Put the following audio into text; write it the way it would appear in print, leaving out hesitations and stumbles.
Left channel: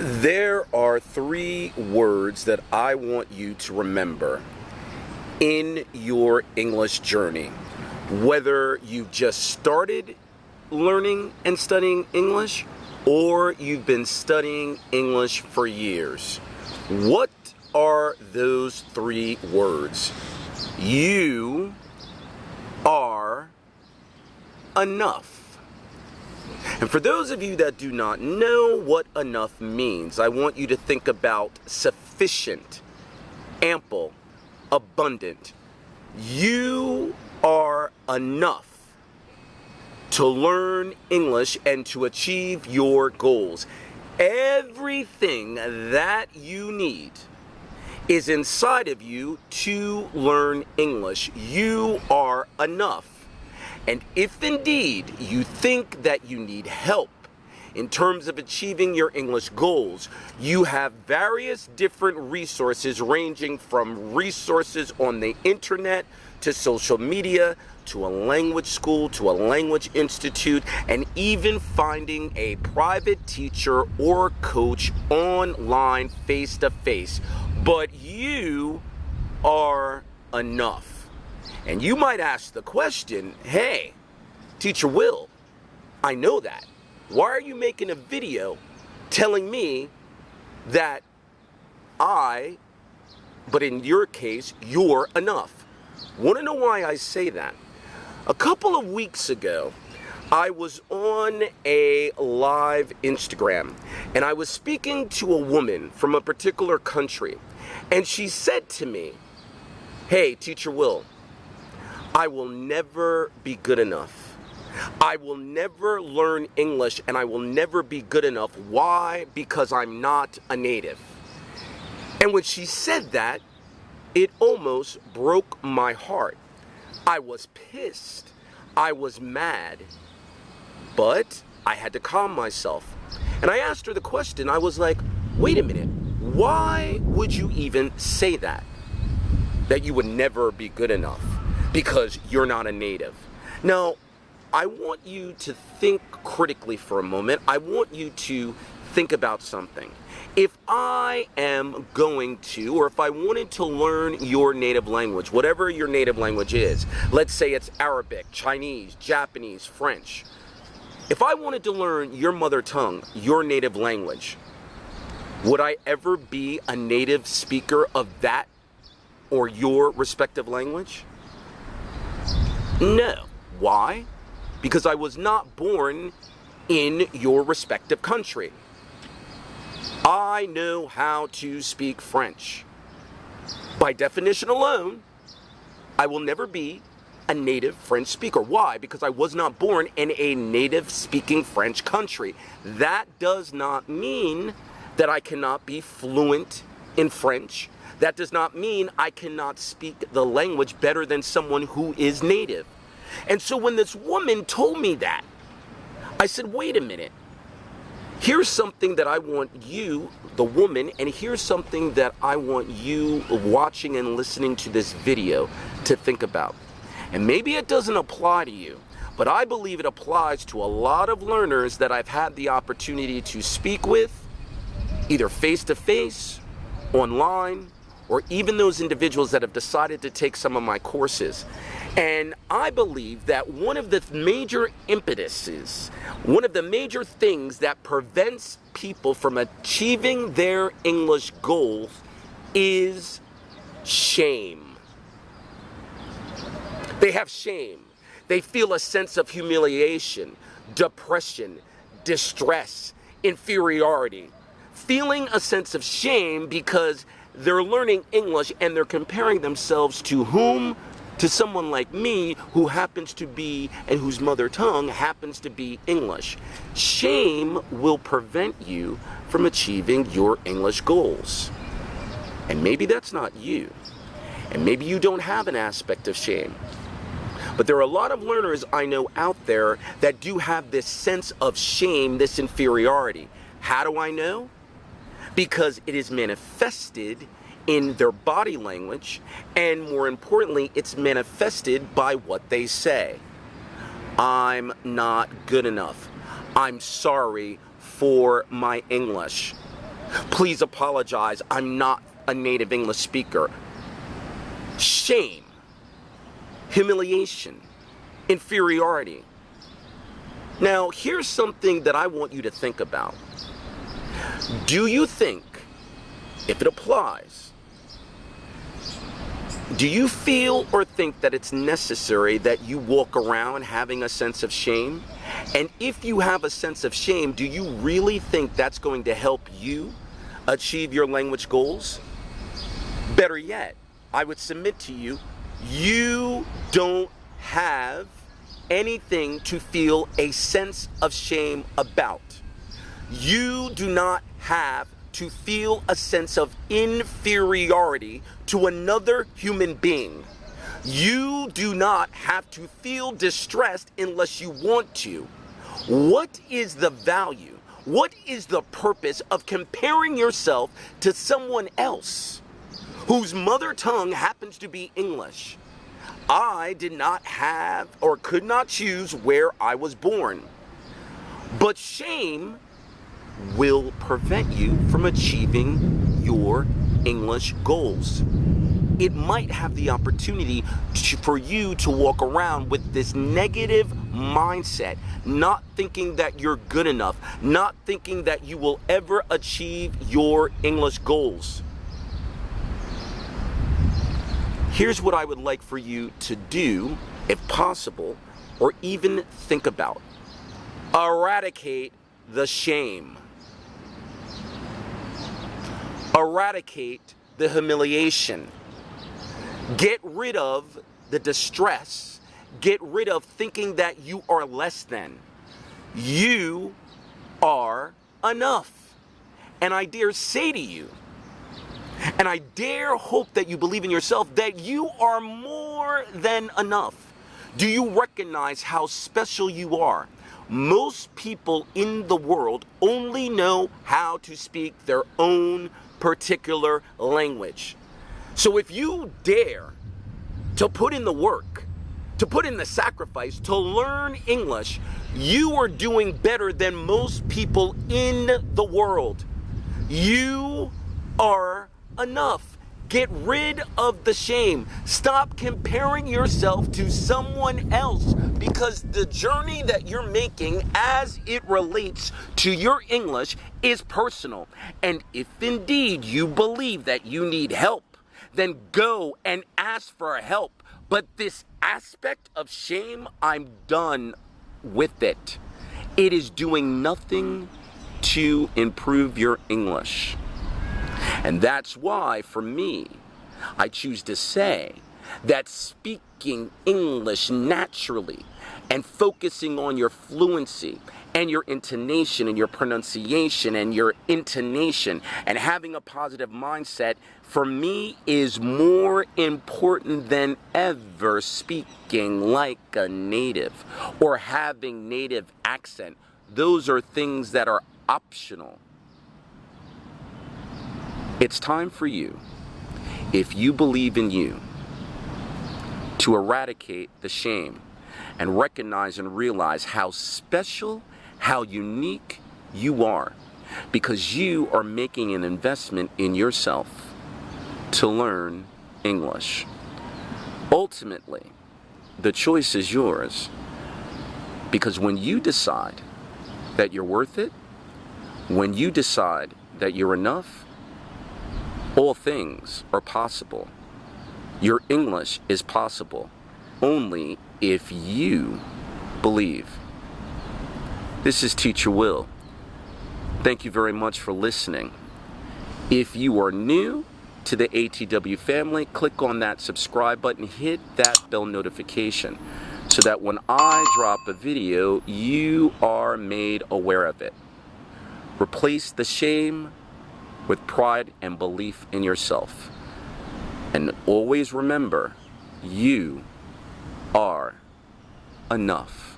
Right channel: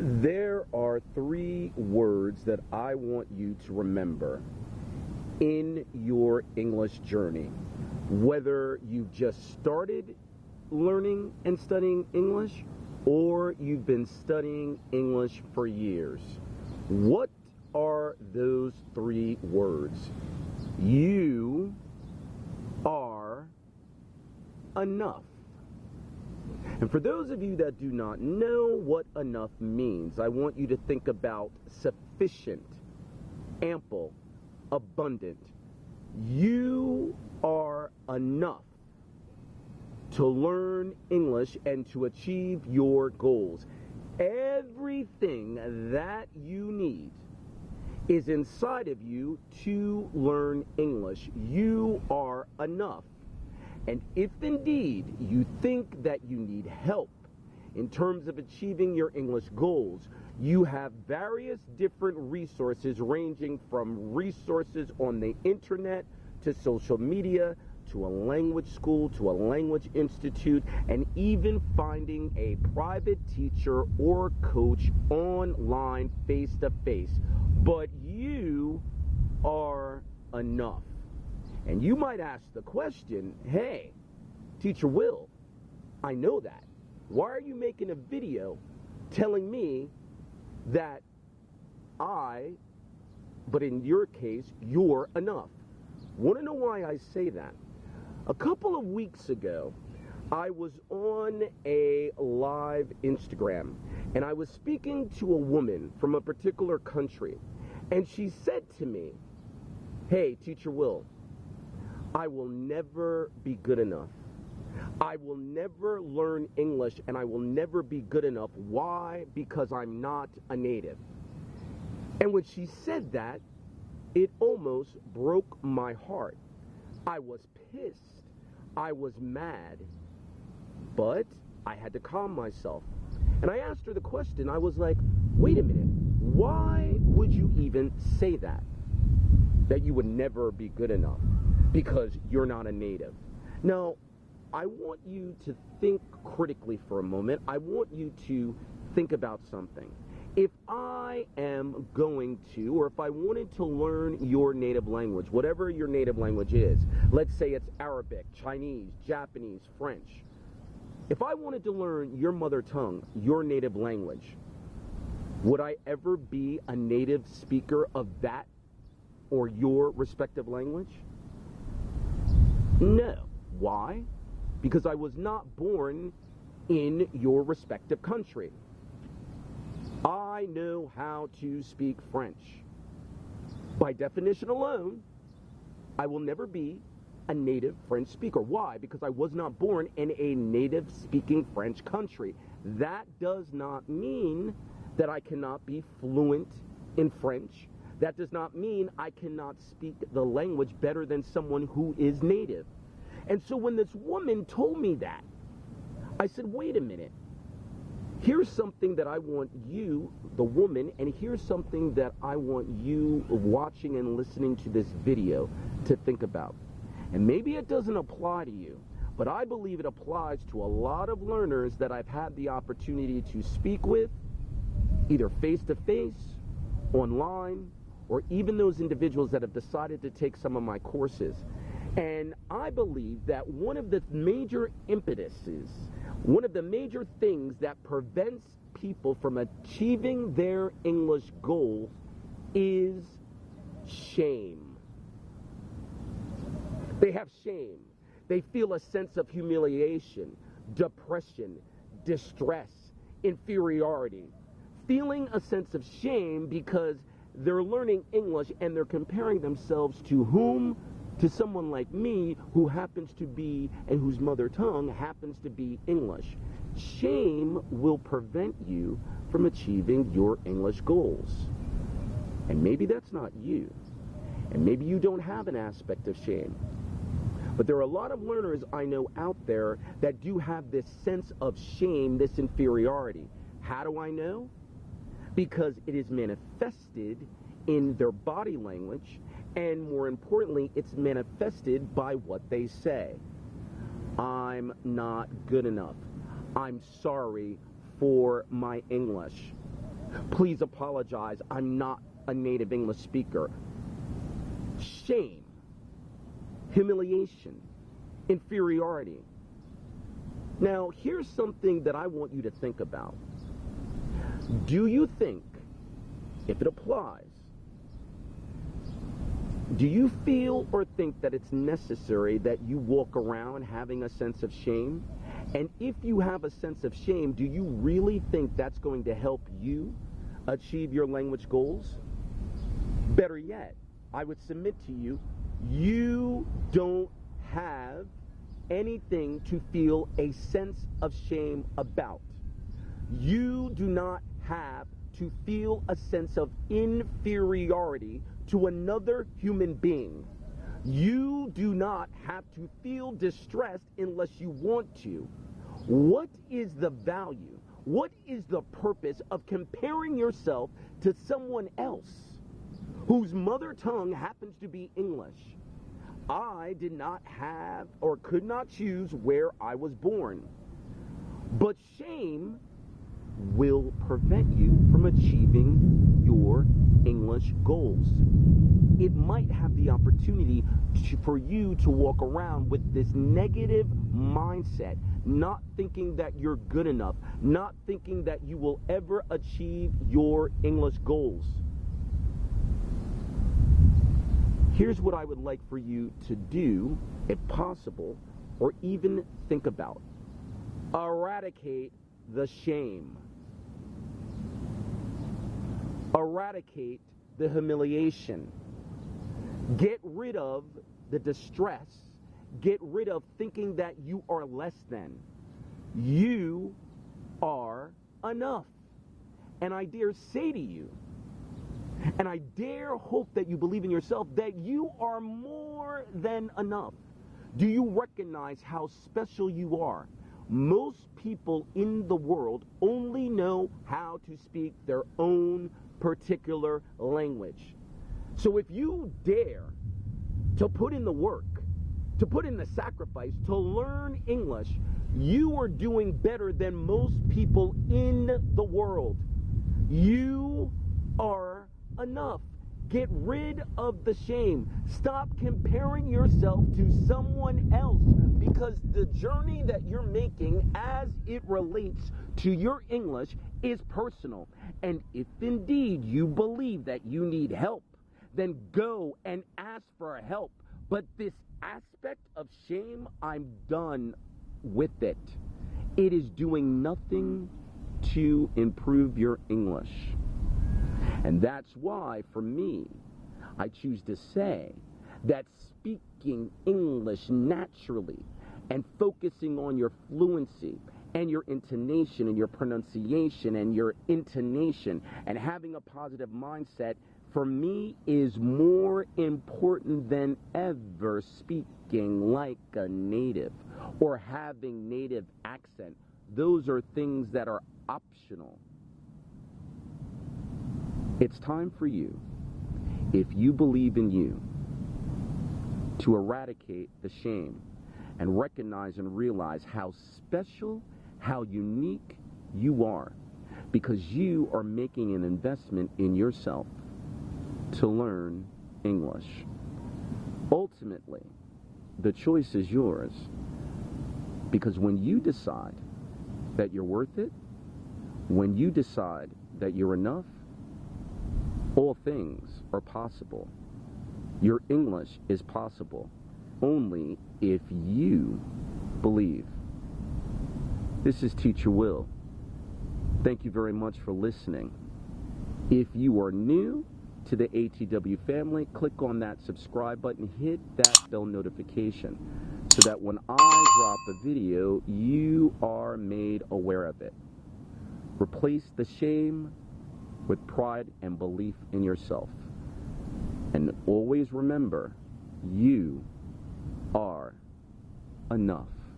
There are three words that I want you to remember in your English journey. Whether you've just started learning and studying English or you've been studying English for years. What are those three words? You are enough. And for those of you that do not know what enough means, I want you to think about sufficient, ample, abundant. You are enough to learn English and to achieve your goals. Everything that you need is inside of you to learn English. You are enough. And if indeed you think that you need help in terms of achieving your English goals, you have various different resources ranging from resources on the internet to social media to a language school to a language institute, and even finding a private teacher or coach online face-to-face. But you are enough. And you might ask the question, hey, Teacher Will, I know that. Why are you making a video telling me that but in your case, you're enough? Want to know why I say that? A couple of weeks ago, I was on a live Instagram, and I was speaking to a woman from a particular country, and she said to me, hey, Teacher Will, I will never be good enough. I will never learn English, and I will never be good enough. Why? Because I'm not a native. And when she said that, it almost broke my heart. I was pissed. I was mad. But I had to calm myself. And I asked her the question. I was like, wait a minute. Why would you even say that? That you would never be good enough because you're not a native. Now, I want you to think critically for a moment. I want you to think about something. If I am going to, or if I wanted to learn your native language, whatever your native language is, let's say it's Arabic, Chinese, Japanese, French. If I wanted to learn your mother tongue, your native language, would I ever be a native speaker of that or your respective language? No. Why? Because I was not born in your respective country. I know how to speak French. By definition alone, I will never be a native French speaker. Why? Because I was not born in a native speaking French country. That does not mean that I cannot be fluent in French. That does not mean I cannot speak the language better than someone who is native. And so when this woman told me that, I said, wait a minute. Here's something that I want you, the woman, and here's something that I want you watching and listening to this video to think about. And maybe it doesn't apply to you, but I believe it applies to a lot of learners that I've had the opportunity to speak with, either face-to-face, online, or even those individuals that have decided to take some of my courses. And I believe that one of the major impetuses, one of the major things that prevents people from achieving their English goals is shame. They have shame. They feel a sense of humiliation, depression, distress, inferiority. Feeling a sense of shame because they're learning English and they're comparing themselves to whom? To someone like me who happens to be, and whose mother tongue happens to be English. Shame will prevent you from achieving your English goals. And maybe that's not you. And maybe you don't have an aspect of shame. But there are a lot of learners I know out there that do have this sense of shame, this inferiority. How do I know? Because it is manifested in their body language, and more importantly, it's manifested by what they say. I'm not good enough. I'm sorry for my English. Please apologize, I'm not a native English speaker. Shame, humiliation, inferiority. Now, here's something that I want you to think about. Do you think, if it applies, do you feel or think that it's necessary that you walk around having a sense of shame? And if you have a sense of shame, do you really think that's going to help you achieve your language goals? Better yet, I would submit to you, you don't have anything to feel a sense of shame about. You do not have to feel a sense of inferiority to another human being. You do not have to feel distressed unless you want to. What is the value? What is the purpose of comparing yourself to someone else whose mother tongue happens to be English? I did not have or could not choose where I was born. But shame will prevent you from achieving your English goals. It might have the opportunity for you to walk around with this negative mindset, not thinking that you're good enough, not thinking that you will ever achieve your English goals. Here's what I would like for you to do, if possible, or even think about. Eradicate the shame. Eradicate the humiliation. Get rid of the distress. Get rid of thinking that you are less than. You are enough. And I dare say to you, and I dare hope that you believe in yourself, that you are more than enough. Do you recognize how special you are? Most people in the world only know how to speak their own particular language. So if you dare to put in the work, to put in the sacrifice, to learn English, you are doing better than most people in the world. You are enough. Get rid of the shame. Stop comparing yourself to someone else, because the journey that you're making as it relates to your English is personal. And if indeed you believe that you need help, then go and ask for help. But this aspect of shame, I'm done with it. It is doing nothing to improve your English. And that's why, for me, I choose to say that speaking English naturally and focusing on your fluency and your intonation and your pronunciation and your intonation and having a positive mindset, for me, is more important than ever speaking like a native or having native accent. Those are things that are optional. It's time for you, if you believe in you, to eradicate the shame and recognize and realize how special, how unique you are, because you are making an investment in yourself to learn English. Ultimately, the choice is yours, because when you decide that you're worth it, when you decide that you're enough, all things are possible. Your English is possible only if you believe. This is Teacher Will. Thank you very much for listening. If you are new to the ATW family, click on that subscribe button, hit that bell notification so that when I drop a video, you are made aware of it. Replace the shame with pride and belief in yourself. And always remember, you are enough.